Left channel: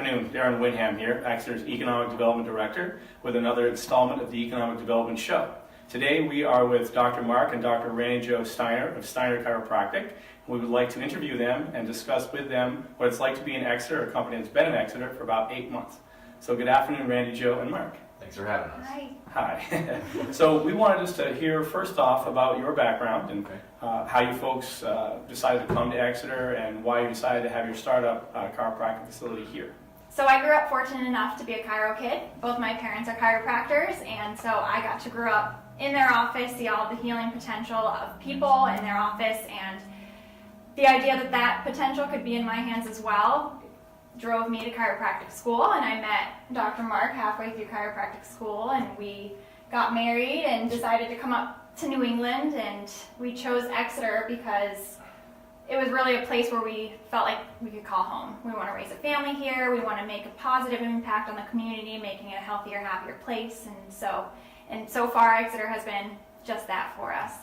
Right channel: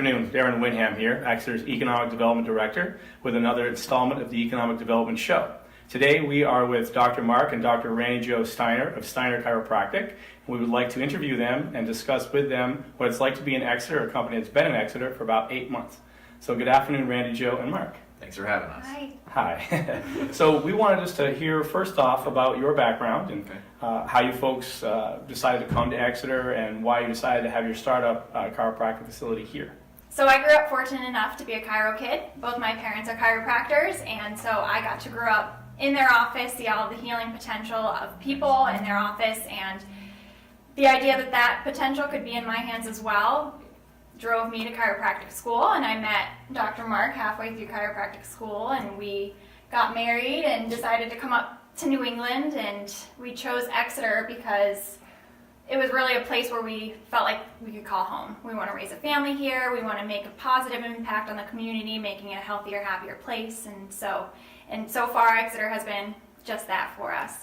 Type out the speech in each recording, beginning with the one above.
afternoon, Darren Winham here, Exeter's Economic Development Director, with another installment of the Economic Development Show. Today we are with Dr. Marc and Dr. Randi Steiner of Steiner Chiropractic, and we would like to interview them and discuss with them what it's like to be in Exeter, a company that's been in Exeter for about 8 months. So good afternoon, Randi, Joe, and Marc. Thanks for having us. Hi. Hi. So we wanted just to hear first off about your background and how you folks decided to come to Exeter and why you decided to have your startup chiropractic facility here. So I grew up fortunate enough to be a chiro kid. Both my parents are chiropractors, and so I got to grow up in their office, see all of the healing potential of people in their office, and the idea that that potential could be in my hands as well drove me to chiropractic school. And I met Dr. Marc halfway through chiropractic school, and we got married and decided to come up to New England, and we chose Exeter because it was really a place where we felt like we could call home. We want to raise a family here, we want to make a positive impact on the community, making it a healthier, happier place, and so far Exeter has been just that for us.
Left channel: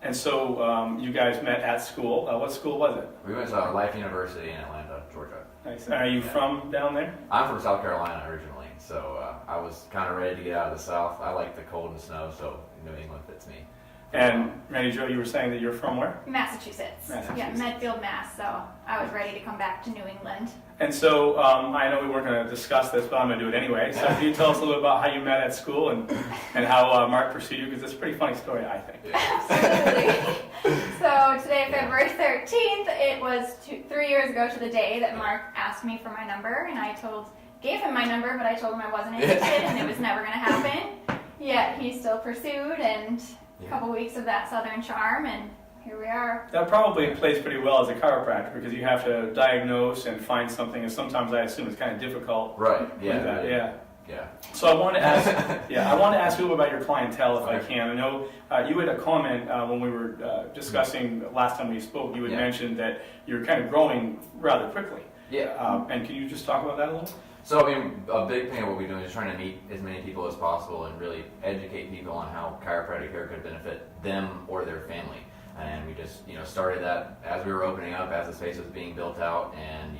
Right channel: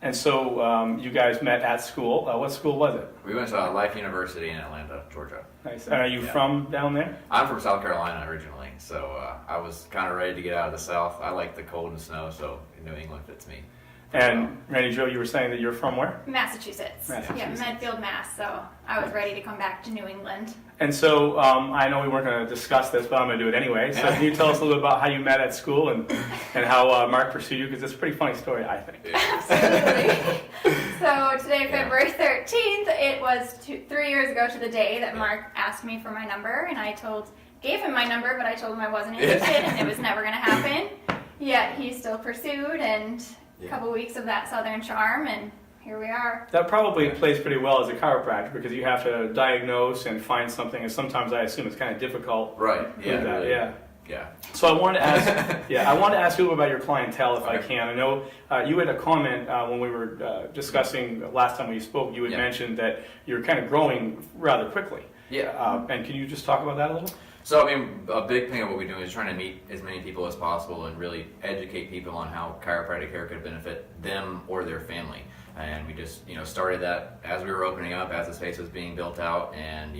And so you guys met at school. What school was it? We went to Life University in Atlanta, Georgia. Nice. Are you from down there? I'm from South Carolina originally, so I was kind of ready to get out of the South. I like the cold and snow, so New England fits me. And Randi, Joe, you were saying that you're from where? Massachusetts. Yeah, Medfield, Mass. So I was ready to come back to New England. And so I know we weren't going to discuss this, but I'm going to do it anyway. So can you tell us a little bit about how you met at school and how Marc pursued you? Because it's a pretty funny story, I think. Absolutely. So today, February 13th, it was 3 years ago to the day that Marc asked me for my number, and I gave him my number, but I told him I wasn't interested and it was never going to happen. Yet he still pursued, and a couple weeks of that Southern charm, and here we are. That probably plays pretty well as a chiropractor because you have to diagnose and find something, and sometimes I assume it's kind of difficult. Right. Yeah. With that. Really. Yeah. So I want to ask, I want to ask you about your clientele, if I can. I know you had a comment when we were discussing last time we spoke. You had mentioned that you're kind of growing rather quickly. Yeah. And can you just talk about that a little? So, I mean, a big thing of what we do is trying to meet as many people as possible and really educate people on how chiropractic care could benefit them or their family. And we just, started that as we were opening up, as the space was being built out, and,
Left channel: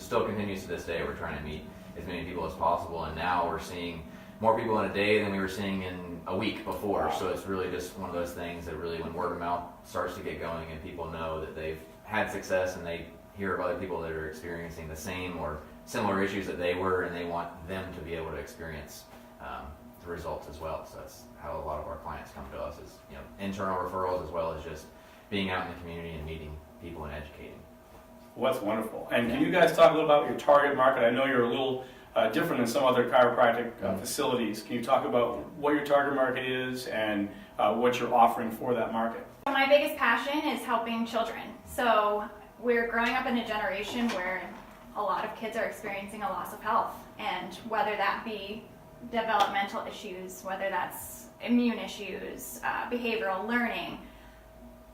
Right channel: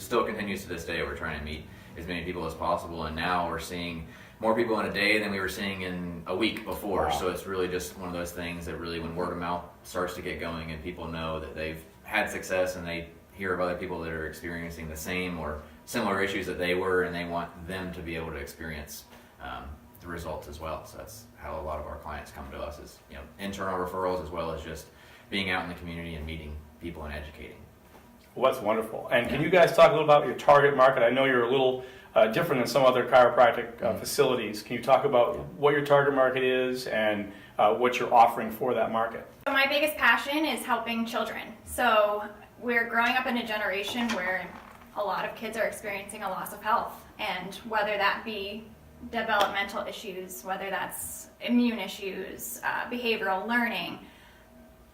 still continues to this day. We're trying to meet as many people as possible, and now we're seeing more people in a day than we were seeing in a week before. Wow. So it's really just one of those things that really, when word of mouth starts to get going and people know that they've had success and they hear of other people that are experiencing the same or similar issues that they were, and they want them to be able to experience the results as well. So that's how a lot of our clients come to us, is internal referrals as well as just being out in the community and meeting people and educating. Well, that's wonderful. And can you guys talk a little about your target market? I know you're a little different than some other chiropractic facilities. Can you talk about what your target market is and what you're offering for that market? So my biggest passion is helping children. So we're growing up in a generation where a lot of kids are experiencing a loss of health, and whether that be developmental issues, whether that's immune issues, behavioral learning,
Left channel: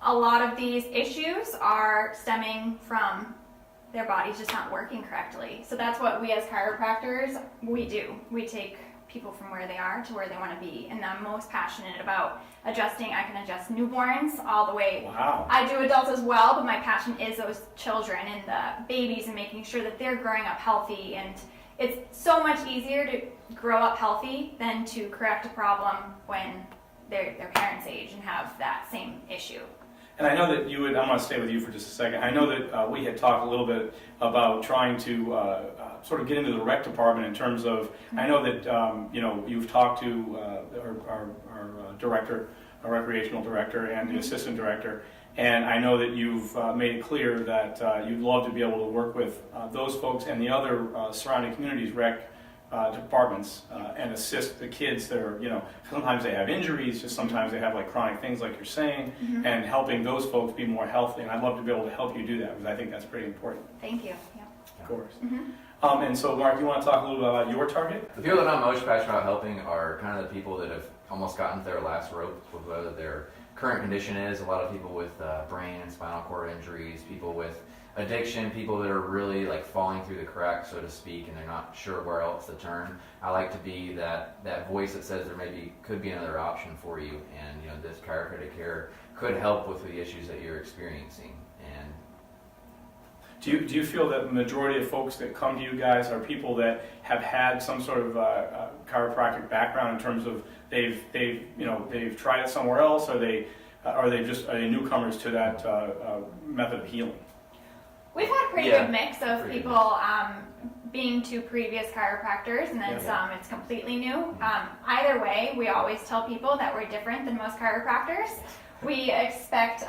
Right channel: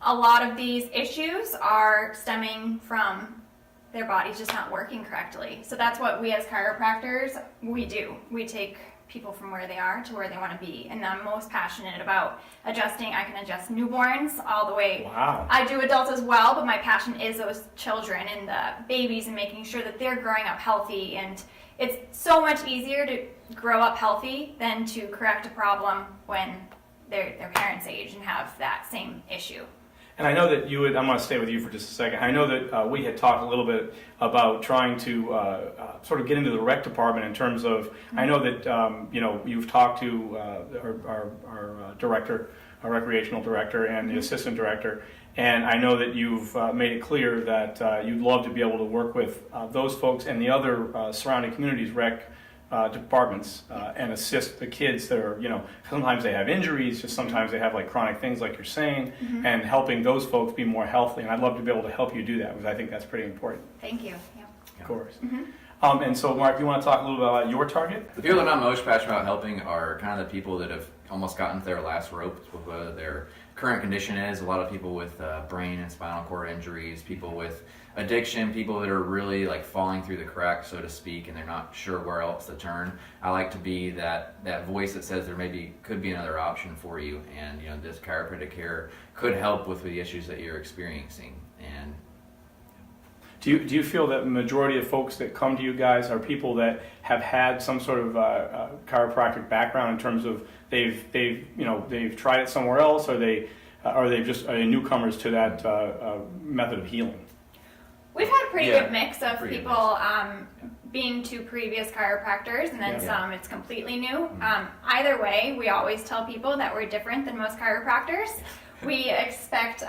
a lot of these issues are stemming from their bodies just not working correctly. So that's what we as chiropractors, we do. We take people from where they are to where they want to be, and I'm most passionate about adjusting. I can adjust newborns all the way. Wow. I do adults as well, but my passion is those children and the babies and making sure that they're growing up healthy. And it's so much easier to grow up healthy than to correct a problem when they're their parents' age and have that same issue. And I know that you would, I'm going to stay with you for just a second. I know that we had talked a little bit about trying to sort of get into the rec department in terms of, I know that, you've talked to our director, our recreational director, and the assistant director, and I know that you've made it clear that you'd love to be able to work with those folks and the other surrounding communities, rec departments, and assist the kids that are, sometimes they have injuries, just sometimes they have like chronic things like you're saying, and helping those folks be more healthy. And I'd love to be able to help you do that because I think that's pretty important. Thank you. Yeah. Of course. And so, Marc, you want to talk a little bit about your target? The people that I'm most passionate about helping are kind of the people that have almost gotten to their last rope with whether their current condition is. A lot of people with brain and spinal cord injuries, people with addiction, people that are really like falling through the cracks, so to speak, and they're not sure where else to turn. I like to be that voice that says there could be another option for you, and this chiropractic care could help with the issues that you're experiencing. And Do you feel that the majority of folks that come to you guys are people that have had some sort of chiropractic background in terms of they've tried it somewhere else, or they just newcomers to that method of healing? We've had a pretty good mix of people being to previous chiropractors, and then some it's completely new. Either way, we always tell people that we're different than most chiropractors. We expect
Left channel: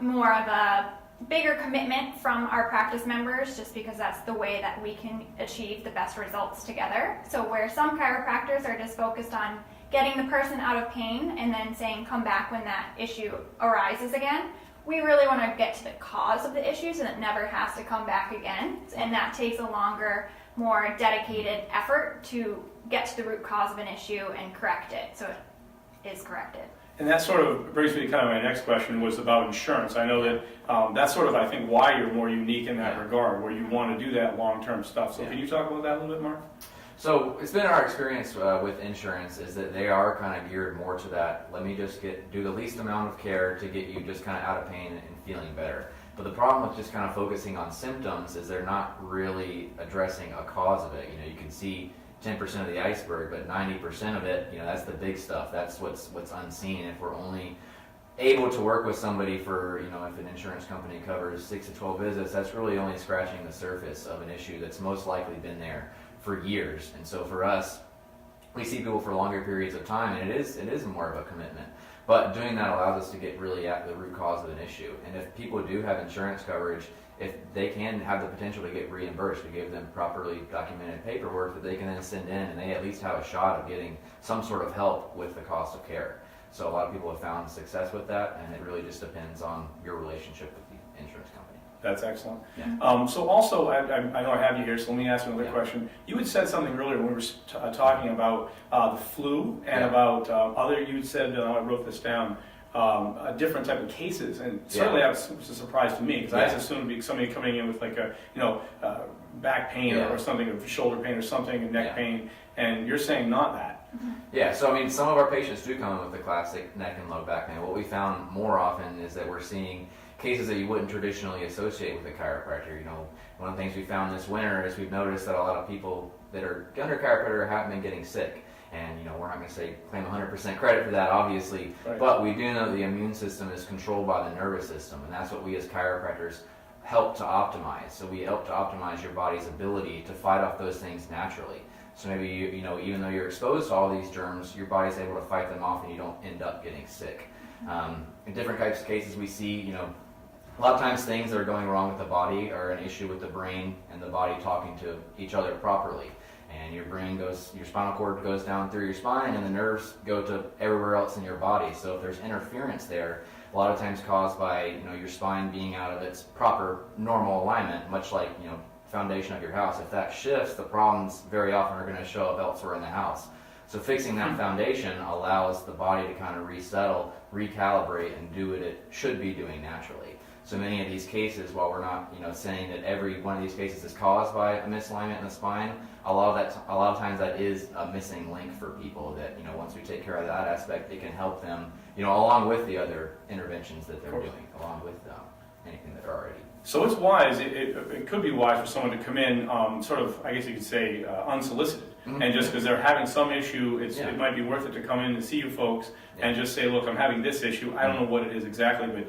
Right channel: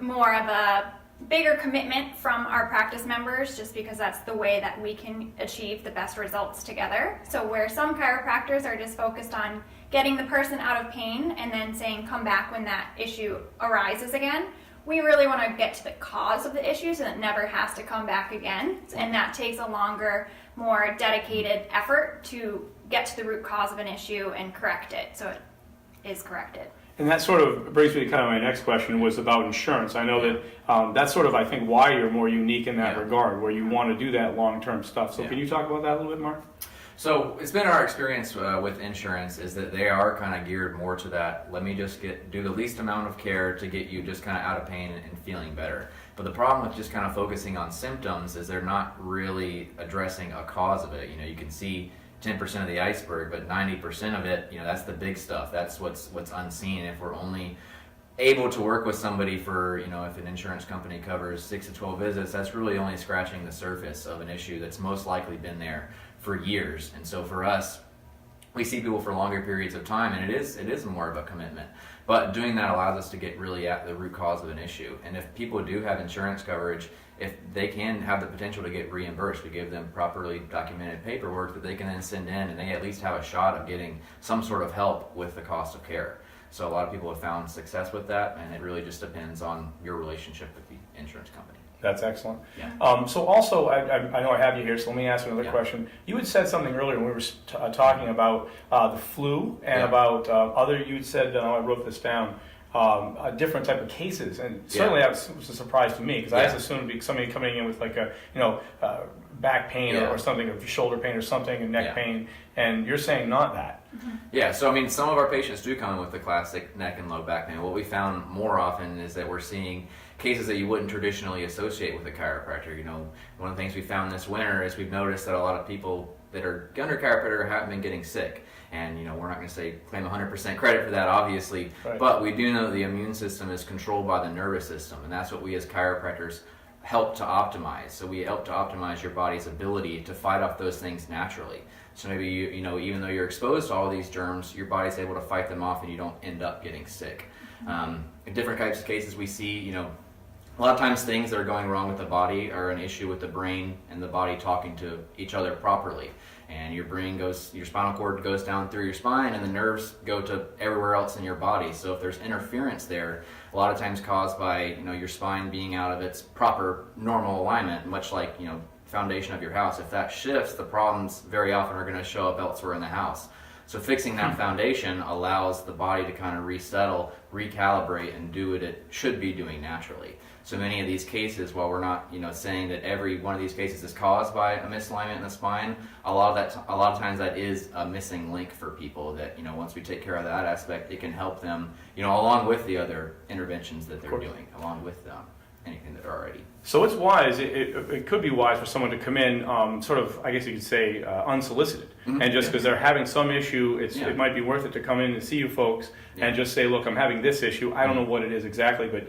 more of a bigger commitment from our practice members, just because that's the way that we can achieve the best results together. So where some chiropractors are just focused on getting the person out of pain and then saying come back when that issue arises again, we really want to get to the cause of the issue so that it never has to come back again. And that takes a longer, more dedicated effort to get to the root cause of an issue and correct it so it is corrected. And that sort of brings me to kind of my next question, was about insurance. I know that that's sort of, I think, why you're more unique in that regard, where you want to do that long-term stuff. So can you talk about that a little bit, Marc? So it's been our experience with insurance is that they are kind of geared more to that, let me just do the least amount of care to get you just kind of out of pain and feeling better. But the problem with just kind of focusing on symptoms is they're not really addressing a cause of it. You can see 10% of the iceberg, but 90% of it, that's the big stuff. That's what's unseen. If we're only able to work with somebody for, if an insurance company covers 6 to 12 visits, that's really only scratching the surface of an issue that's most likely been there for years. And so for us, we see people for longer periods of time, and it is more of a commitment. But doing that allows us to get really at the root cause of an issue. And if people do have insurance coverage, if they can have the potential to get reimbursed, we give them properly documented paperwork that they can then send in, and they at least have a shot of getting some sort of help with the cost of care. So a lot of people have found success with that, and it really just depends on your relationship with the insurance company. That's excellent. Yeah. So also, I know I have you here, so let me ask another question. You had said something earlier when we were talking about the flu and about you had said, I wrote this down, a different type of cases, and certainly that was a surprise to me, because I just assumed it'd be somebody coming in with like a back pain or something, or shoulder pain or something, and neck pain, and you're saying not that. Yeah, so some of our patients do come in with the classic neck and low back pain. What we found more often is that we're seeing cases that you wouldn't traditionally associate with a chiropractor. One of the things we found this winter is we've noticed that a lot of people that are under chiropractor have been getting sick. And we're not going to claim 100% credit for that, obviously, but we do know that the immune system is controlled by the nervous system, and that's what we as chiropractors help to optimize. So we help to optimize your body's ability to fight off those things naturally. So maybe even though you're exposed to all these germs, your body's able to fight them off, and you don't end up getting sick. In different types of cases, we see a lot of times things that are going wrong with the body are an issue with the brain and the body talking to each other properly. And your spinal cord goes down through your spine, and the nerves go to everywhere else in your body. So if there's interference there, a lot of times caused by your spine being out of its proper normal alignment, much like foundation of your house. If that shifts, the problems very often are going to show up elsewhere in the house. So fixing that foundation allows the body to kind of resettle, recalibrate, and do what it should be doing naturally. So many of these cases, while we're not, saying that every one of these cases is caused by a misalignment in the spine, a lot of times that is a missing link for people that, once we take care of that aspect, it can help them, along with the other interventions that they're doing, along with anything that they're already. So it's wise, it could be wise for someone to come in sort of, I guess you could say, unsolicited. And just because they're having some issue, it might be worth it to come in and see you folks and just say, look, I'm having this issue. I don't know what it is exactly, but,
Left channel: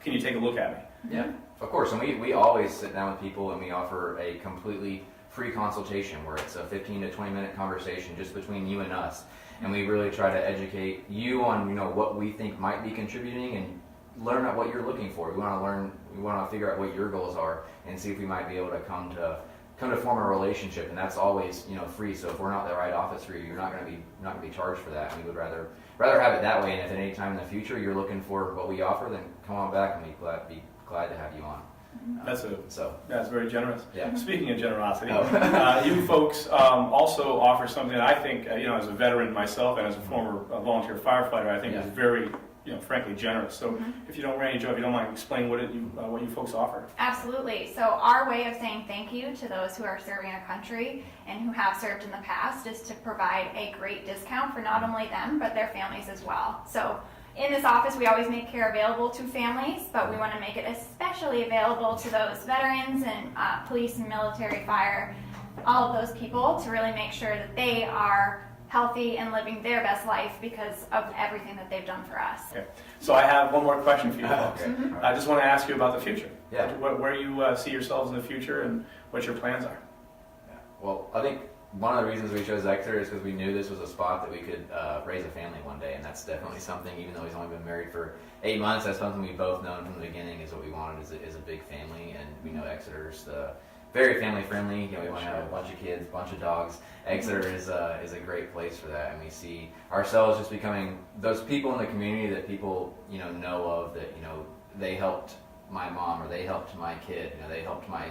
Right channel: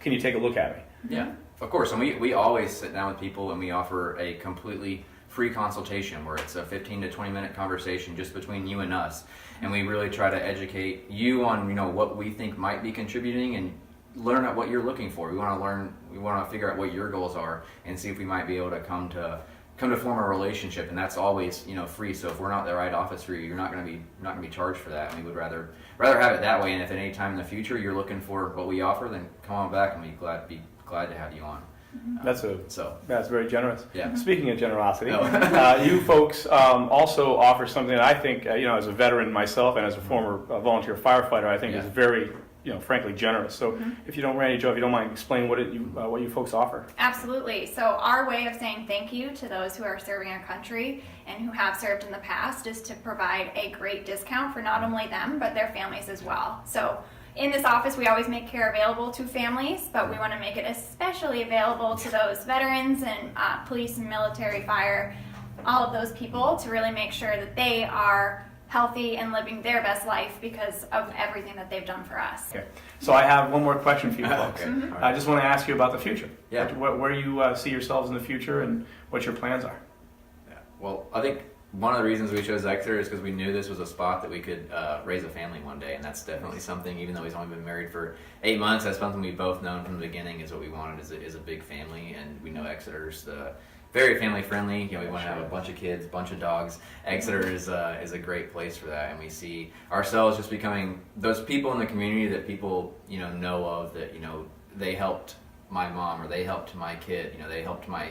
can you take a look at me? Yeah, of course. And we always sit down with people, and we offer a completely free consultation where it's a 15 to 20 minute conversation just between you and us. And we really try to educate you on, what we think might be contributing, and learn out what you're looking for. We want to figure out what your goals are and see if we might be able to come to form a relationship, and that's always free. So if we're not the right office for you, you're not going to be charged for that. And we would rather have it that way. And if at any time in the future you're looking for what we offer, then come on back, and we'd be glad to have you on. That's very generous. Yeah. Speaking of generosity, you folks also offer something that I think, as a veteran myself and as a former volunteer firefighter, I think is very, frankly generous. So if you don't mind explaining what you folks offer. Absolutely. So our way of saying thank you to those who are serving our country and who have served in the past is to provide a great discount for not only them, but their families as well. So in this office, we always make care available to families, but we want to make it especially available to those veterans and police and military, fire, all of those people, to really make sure that they are healthy and living their best life because of everything that they've done for us. Okay. So I have one more question for you folks. Okay. Mm-hmm. All I right. just want to ask you about the future. Yeah. Where you see yourselves in the future and what your plans are. Yeah. Well, I think one of the reasons we chose Exeter is because we knew this was a spot that we could raise a family one day, and that's definitely something, even though he's only been married for 8 months, that's something we've both known from the beginning is what we wanted is a big family, and we know Exeter's very family friendly. You know, we want to have a bunch of kids, bunch of dogs. Exeter is a great place for that, and we see ourselves just becoming those people in the community that people, you know of, that, you know, they helped my mom, or they helped my kid, you know, they helped my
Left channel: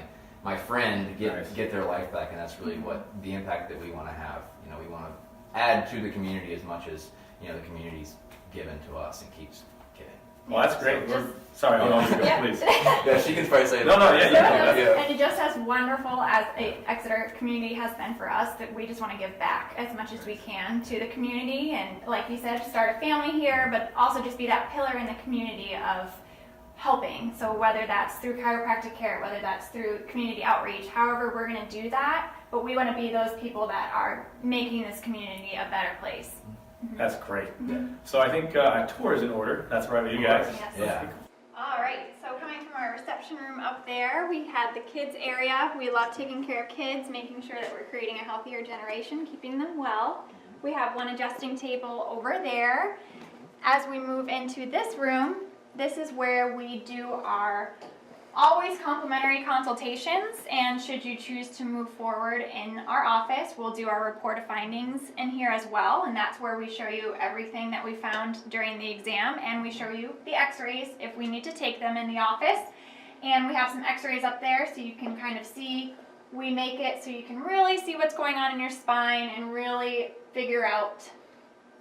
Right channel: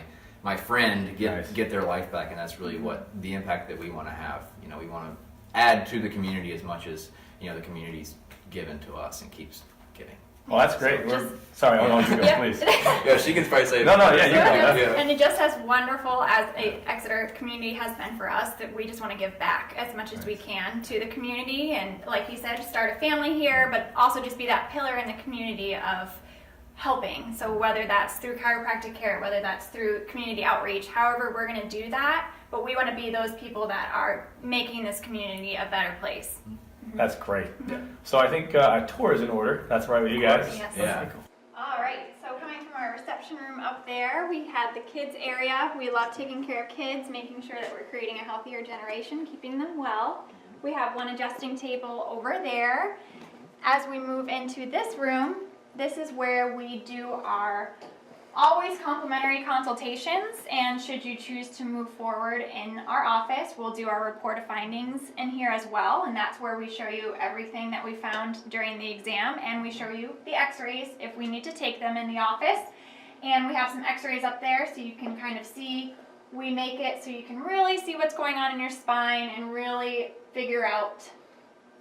friend get their life back, and that's really what the impact that we want to have. You know, we want to add to the community as much as, you know, the community's given to us and keeps giving. Well, that's great. Just- Sorry, hold on, you go, Yeah. please. Yeah, she can probably say it. No, yeah, you can do that. And just as wonderful as a Exeter community has been for us, that we just want to give back as much as we can to the community, and like you said, start a family here, but also just be that pillar in the community of helping. So whether that's through chiropractic care, whether that's through community outreach, however we're going to do that, but we want to be those people that are making this community a better place. That's great. So I think a tour is in order. That's right with you guys. Yes. Yeah. All right, so coming from our reception room up there, we had the kids area. We love taking care of kids, making sure that we're creating a healthier generation, keeping them well. We have one adjusting table over there. As we move into this room, this is where we do our always complimentary consultations, and should you choose to move forward in our office, we'll do our report of findings in here as well, and that's where we show you everything that we found during the exam, and we show you the x-rays if we need to take them in the office. And we have some x-rays up there so you can kind of see, we make it so you can really see what's going on in your spine and really figure out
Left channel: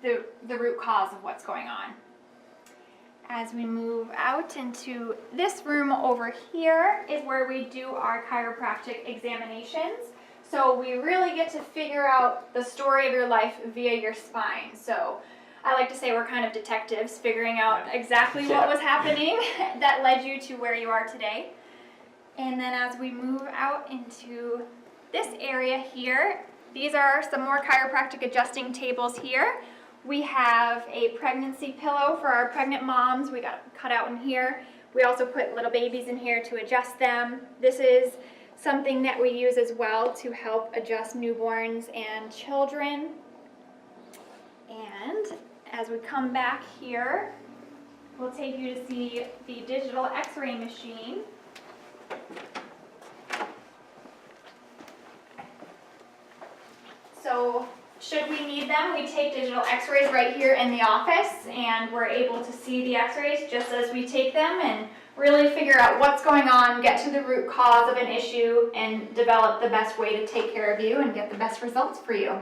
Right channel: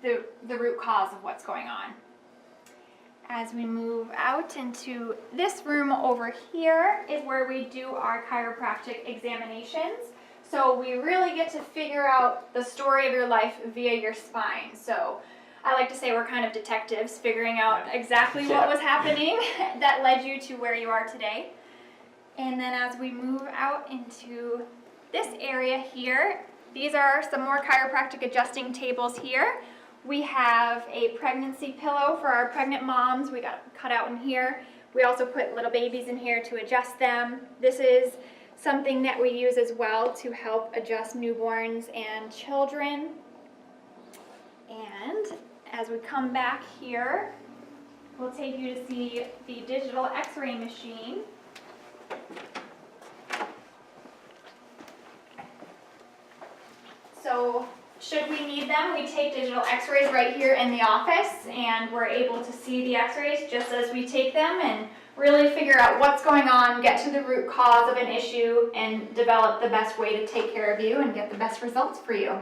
the root cause of what's going on. As we move out into this room over here is where we do our chiropractic examinations. So we really get to figure out the story of your life via your spine. So I like to say we're kind of detectives, figuring out exactly what was happening that led you to where you are today. And then as we move out into this area here, these are some more chiropractic adjusting tables here. We have a pregnancy pillow for our pregnant moms. We got cut out in here. We also put little babies in here to adjust them. This is something that we use as well to help adjust newborns and children. And as we come back here, we'll take you to see the digital x-ray machine. So should we need them, we take digital x-rays right here in the office, and we're able to see the x-rays just as we take them and really figure out what's going on, get to the root cause of an issue, and develop the best way to take care of you and get the best results for you.